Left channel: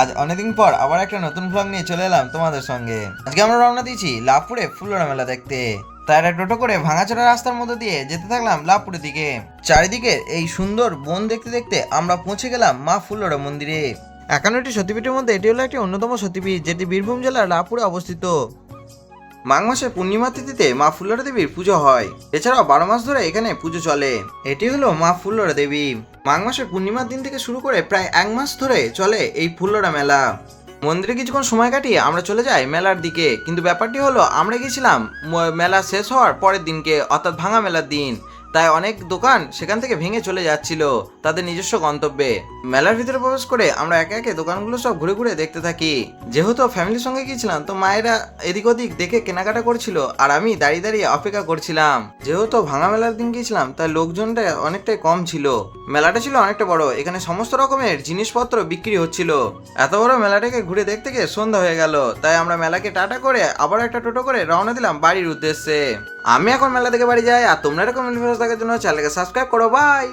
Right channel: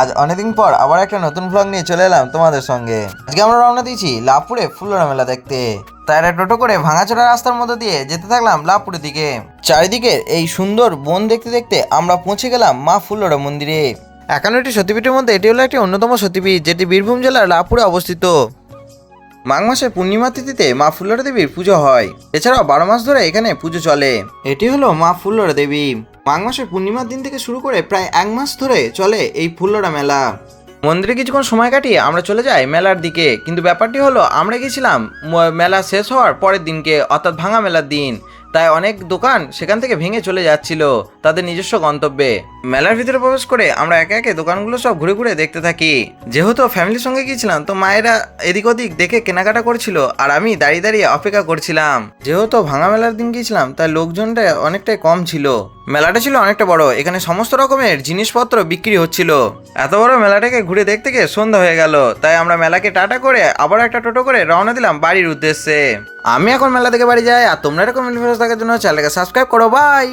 আজ অনেকদিন পর আবার একটা নতুন ব্লগ নিয়ে চলে এলাম তোমাদের সঙ্গে। আজকে আমরা রওনা দিয়েছি লাভপুরে ফুলরা মেলা দেখতে। তাই একটা টোটো করে ভাঙাচোরা রাস্তার মধ্যে দিয়ে যেতে থাকলাম লাভপুরের দিকে। চারিদিকে এই সুন্দর বন দেখতে দেখতে আমরা পৌঁছে গেলাম মা ফুলরা মন্দিরে। 51টি সতীপীঠের মধ্যে এটি হলো একটি অন্যতম সতীপীঠ, যেটি বীরভূম জেলার লাভপুরে অবস্থিত। মাঘ মাসের পূর্ণিমা তিথিতে মা ফুল্লরা দেবীর পুজো হয়। এছাড়াও 12 মাস ধরে এখানে পুজো চলে। এটি হলো মা ফুল্লরা দেবী। মাঘ মাসের পূর্ণিমার দিন থেকে শুরু করে প্রায় 1 মাস ধরে চলে এই ফুল্লরা মেলা। মন্দিরে কিছুক্ষণ সময় কাটিয়ে আমরা চলে যাই মেলার দিকে, কিন্তু ব্যাপারটি হলো আমরা গেছিলাম মেলা শেষ হওয়ার পরের দিনকে, অর্থাৎ ভাঙা মেলার দিন। তাই অনেক দোকান সেখান থেকে ভেঙে চলে যাচ্ছিল তাদের নিজস্ব গন্তব্যে। মেলার ভিতরে প্রবেশ করে আমরা একে একে দোকানগুলো সব ঘুরে ঘুরে দেখতে থাকি। যেহেতু ফ্যামিলির সঙ্গে গিয়েছিলাম, তো মায়েরা এদিক ওদিক দেখে কেনাকাটা করছিল আর আমি দাঁড়িয়ে দাঁড়িয়ে অপেক্ষা করছিলাম। যেহেতু ভাঙা মেলার দিন গিয়েছিলাম, তাই লোকজনটা অনেকটাই কম ছিল। মেলাটা ছিল অনেকটা বড়, এখানে সমস্ত রকমের জিনিসপত্র বিক্রি হচ্ছিল। এত বড় মেলাটাকে ঘুরে দেখতে গিয়ে সন্ধ্যা হয়ে গেল, তাই আমরা মেলাকে টাটা করে আবার একটা টোটো করে রওনা দিলাম বাড়ির উদ্দেশ্যে। আমি এখন মেলা থেকে বাড়ি যাই, আর তোমরা এরকম ভিডিও দেখার জন্য চ্যানেলকে সাবস্ক্রাইব করো। বাই।